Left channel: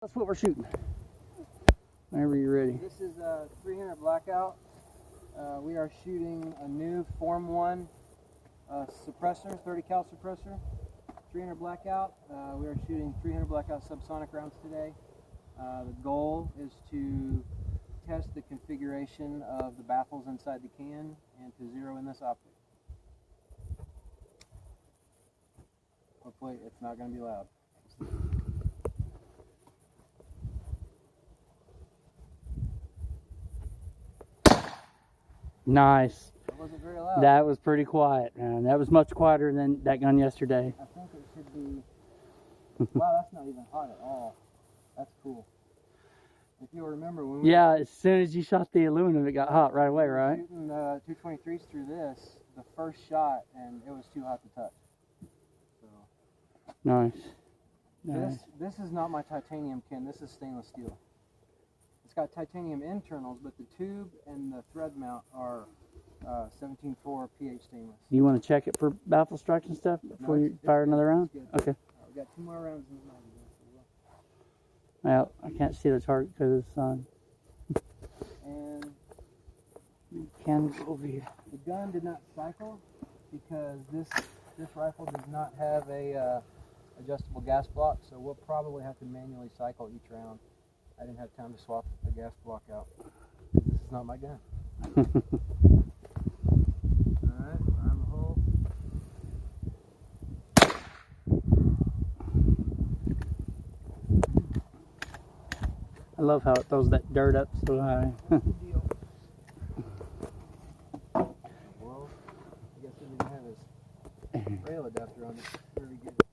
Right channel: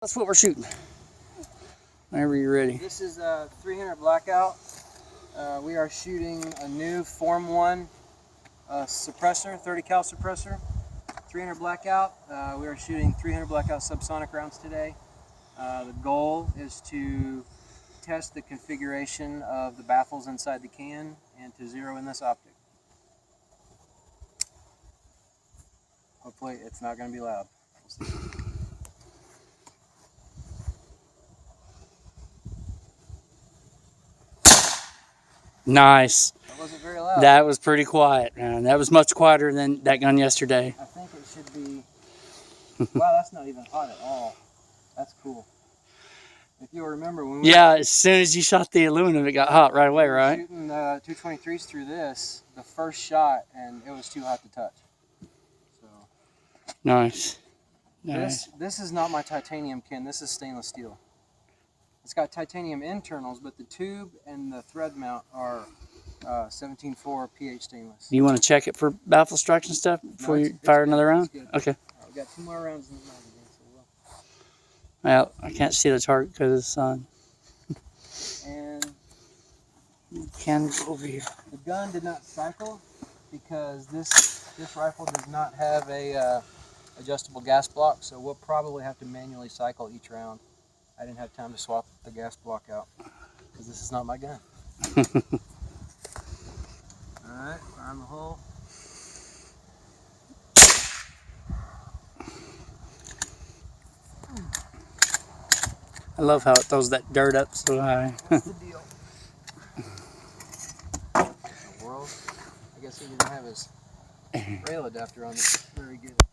That's what we're shooting. Whenever you're ready. This is a 300 Blackout. We are shooting a new Form 1 suppressor, 30 cal suppressor. 300 Blackout. We are shooting 300 Blackout subsonic rounds today. The goal is to test the configuration of the baffles inside the can and to zero in this optic. Hopefully it's not going to be loud. Nice. That wasn't very loud. That was pretty quiet, man. That was much quieter than that gun yesterday. I think it should be... Wow, that's not even hot at all. That's cool. If you'll remember when we Yeah, as soon as you shot the aluminum, it got hot right away, right? shooting 223s through this, the first shot, and it was too hot to touch. So Nice. Nice. this is not my titanium can. This is stainless steel. It's got titanium internals, but the tube and the thread mount are 17.4 pH stainless. Do you want to check it for baffle strikes and stuff before you fire another round? Okay. We've got 2 more rounds in the magazine. So Well, I can't see the target because of the sun. and You can go over here. the gun did not cycle because this rifle does not have a adjustable gas block, so we'll probably have to manually cycle each round. I didn't have time to swap the gas block out because this is not my gun. Alright, around the hole. I love how it throws that dirt up so high. What's the deal? World? I guess he didn't have his rail adapter on it. Very good.